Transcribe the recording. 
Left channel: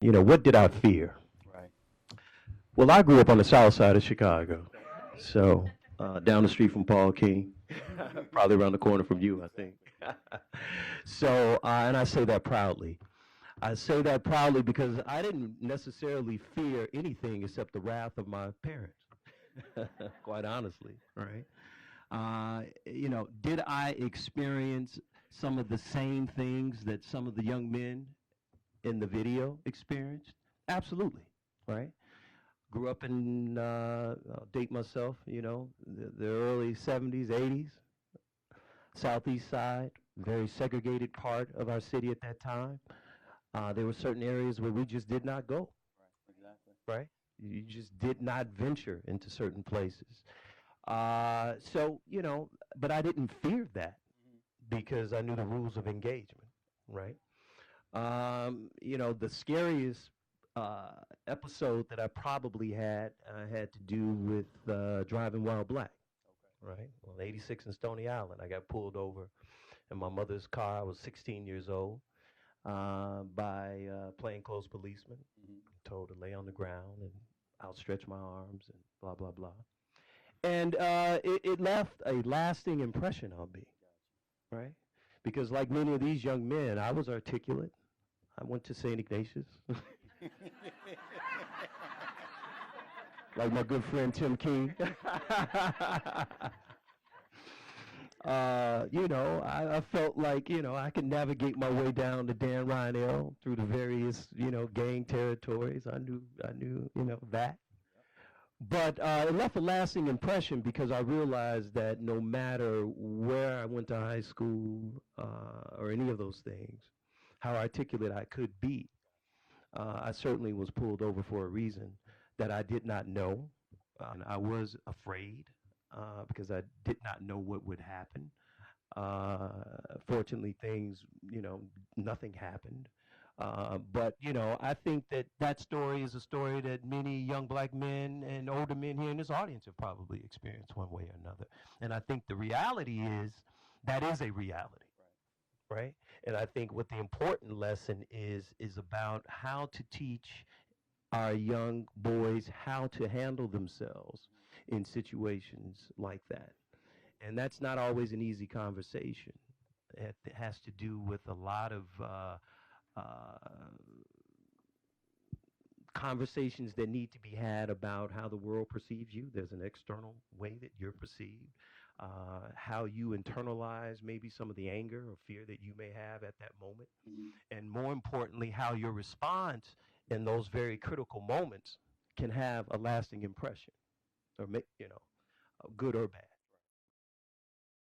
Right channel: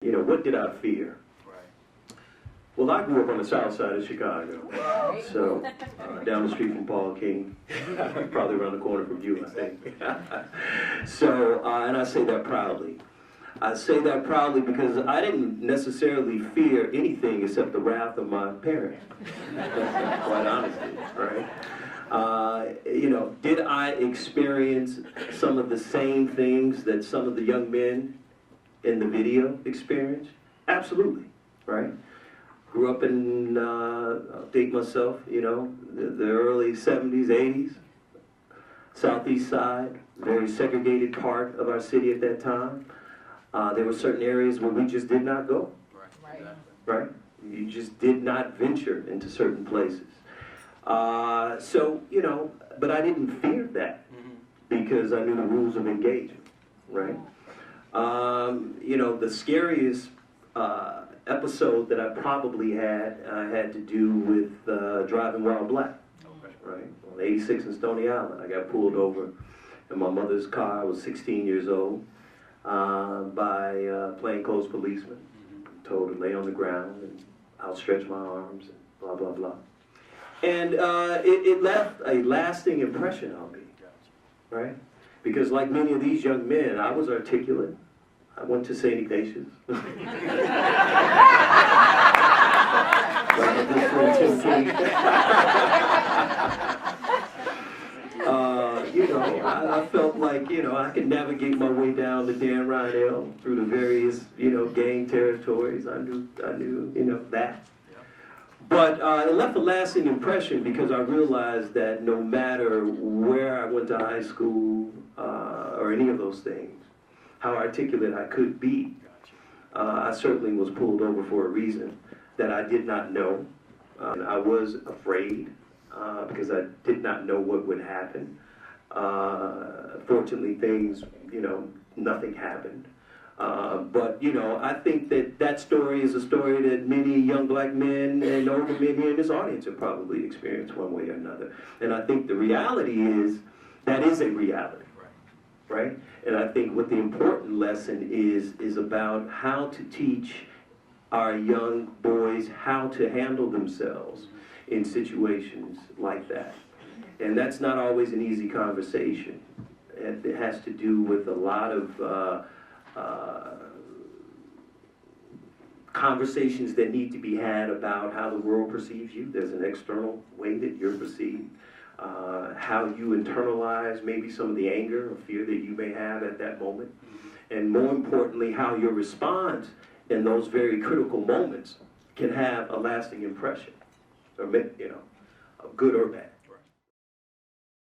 You know, what did I fear? Right. Well, I grew up on the south side of Chicago, so down the street from Paul King, probably around the corner from you, I think. So, and I say that proudly. I say that proudly because I didn't necessarily fear anything except the wrath of my parents, quite honestly, right? You know, did I experience some of the same things that some of the young men in the video experienced? Absolutely, right? Grew up in, I'll date myself, you know, the early 70s, 80s, southeast side, very segregated part of our city at that time. There were certain areas where we just did not go, right? You just did not venture into certain places. So, you know, but I didn't fear that because I knew the rules of engagement, right? You know, the scariest episode that I probably had to do with driving while black, right? On 86 in Stony Island, I got pulled over in my mother's car. I was 16 years old by plainclothes policemen. Told to lay on the ground and outstretch my arms and blah, blah, blah. And it left a lasting impression on me, right? Because like many of these young men, I was articulate. I went to St. Ignatius. You know, I felt like, you know, I could navigate my way down the Dan Ryan through the various, you know, gang territories. I knew, you know, that. But it left a lasting impression because I realized that no matter where I went to high school or any of those things, how articulate I could be, I certainly was pulled over for a reason that I did not know. I was afraid because I did not know what would happen. Fortunately, things, you know, nothing happened. But, you know, I think that story is a story that many young black men and older men here in this audience have probably experienced one way or another. And I think the reality is that is a reality, right? And I think what the important lesson is about how to teach our young boys how to handle themselves in situations like that. And that's not always an easy conversation. It has to do with a lot of conversations that need to be had about how the world perceives you. There's an external way that you're perceived. How you internalize maybe some of the anger or fear that you may have at that moment. And more importantly, how your response in those very critical moments can have a lasting impression, or, you know, good or bad.